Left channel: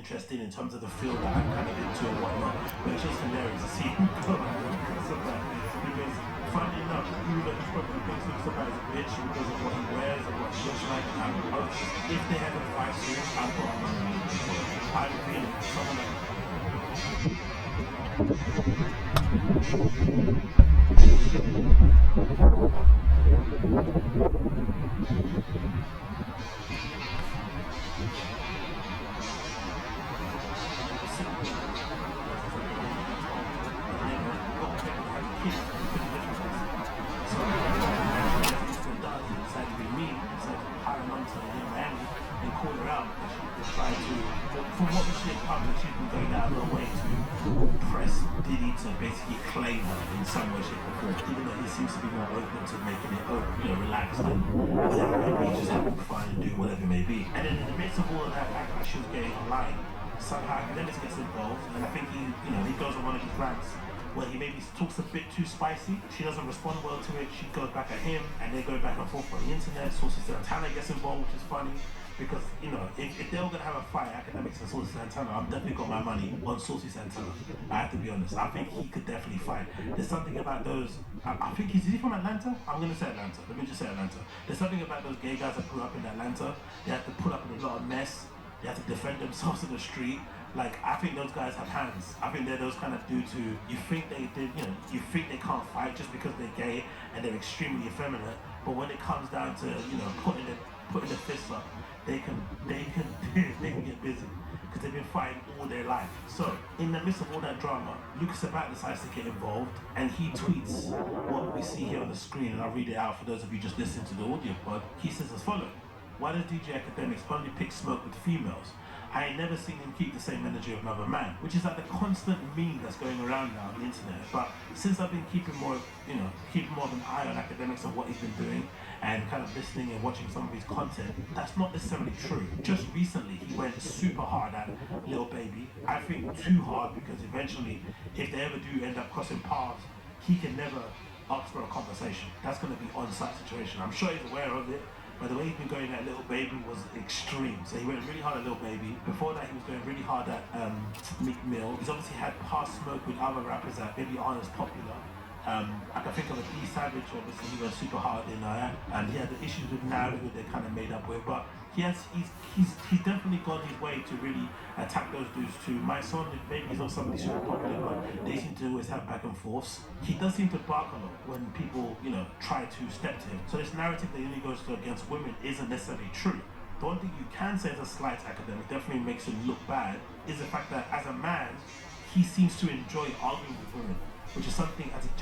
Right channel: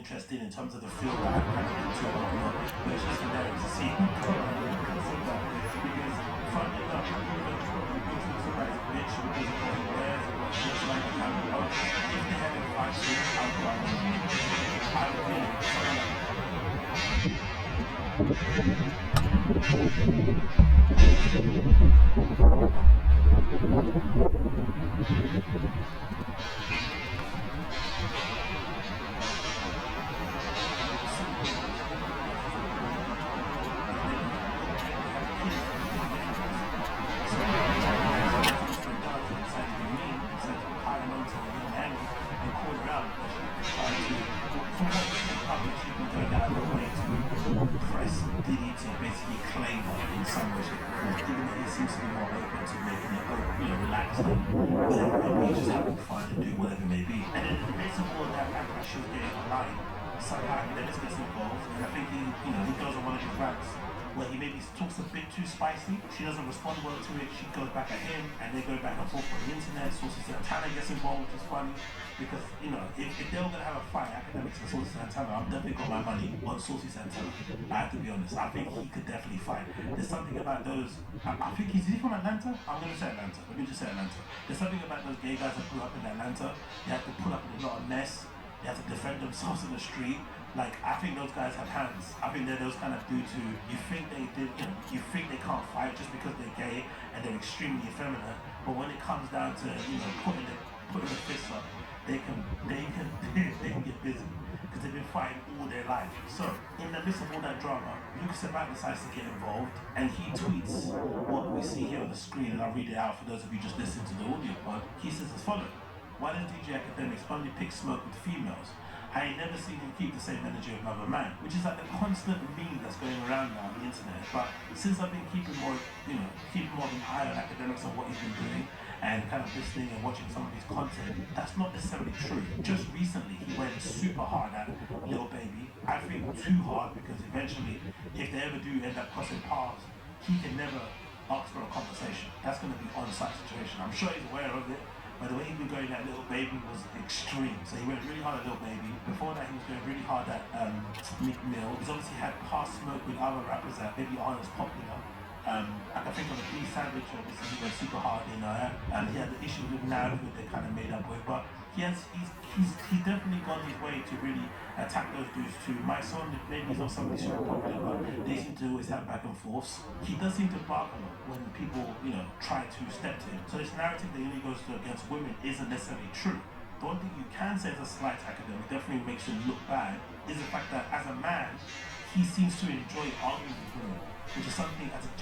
interesting in terms of the field that I'm kind of into and whatnot, but it's just hilarious to see him go around because of that. Because funny enough, even though he's probably being so surprised a bitch because of what he wears and what he looks like and how he looks, if they had a fight soon, I'd put my money on him. I'm feeling someone and call her out because she's trying to, from what we see in public, she's been going out of her way to press Diddy to basically claim her in some way, shape, or form. Even though he seems to be more open to making it open, relaxed and whatever it may be, just having fun and do whatever it may be. And then in the midst of all of that backlash she was getting online, somehow Academics gets involved, and I think he goes on one of his rants where he maybe talks a bit too spicy. She doesn't respond well to it. She goes back at him, and they go back and forth on the internet. Sources Santana gets involved, which is funny because if they're all gonna have a fight, Academics and Sources Santana, I'm definitely got my money on Sources Santana. I have to be honest. I think he could definitely fight. There's something about those. I think is he from Atlanta? I'm gonna say Atlanta. Let me just say Atlanta. There's something about those gay guys that grew up in Atlanta. They have to put up with a lot of mess. They have to defend themselves in the street. Like, I think those guys have hands. I think they're those kind of dudes who you think they can't fight just because they're gay and they're extremely effeminate. But when it comes down to putting the fists up, they can get busy because they've been fighting all their life. So in the midst of all that drama, Lucas Sabat decides to get involved, and he tweets what we see here on the screen, and I'll read it out for those of you just listening to the audio pod. He says as follows: "Why does DJ Academics only pick smoke with females? I ain't never seen him keep the same energy of another man," which is like the constant meme that's going around now on the internet. But since I've been keeping more of an eye on Academics and what he's been doing, and kind of listening and watching some of his content, that's not necessarily true. Just recently, he went super hard at Lil Baby. I think too hard, because eventually, if they ever do end up crossing paths, he can never ask for a conversation. That's going to be on-site situation. I'm sure he's aware of it. But the way he's been going at Lil Baby was extreme. So he went really hard at Lil Baby. Before that, he was going really hard at Meek Mill. He's obviously had past smoke with other rappers that maybe aren't as popular. I can think of a D Savage, obviously he went super hard in and he had the issues with Nav, who they kind of made up with. But he's definitely gone his way to really attack those dudes too. My son, maybe he's not somebody super popular, but they seem to always have back and forths. He does seem to bark a lot when people, try to step to him. So this narrative that he only goes to against women isn't necessarily true. The one thing you can say is a slight Academic, definitely makes him look bad, is the fact that as a man, he seems to enjoy arguing with women, which is something as a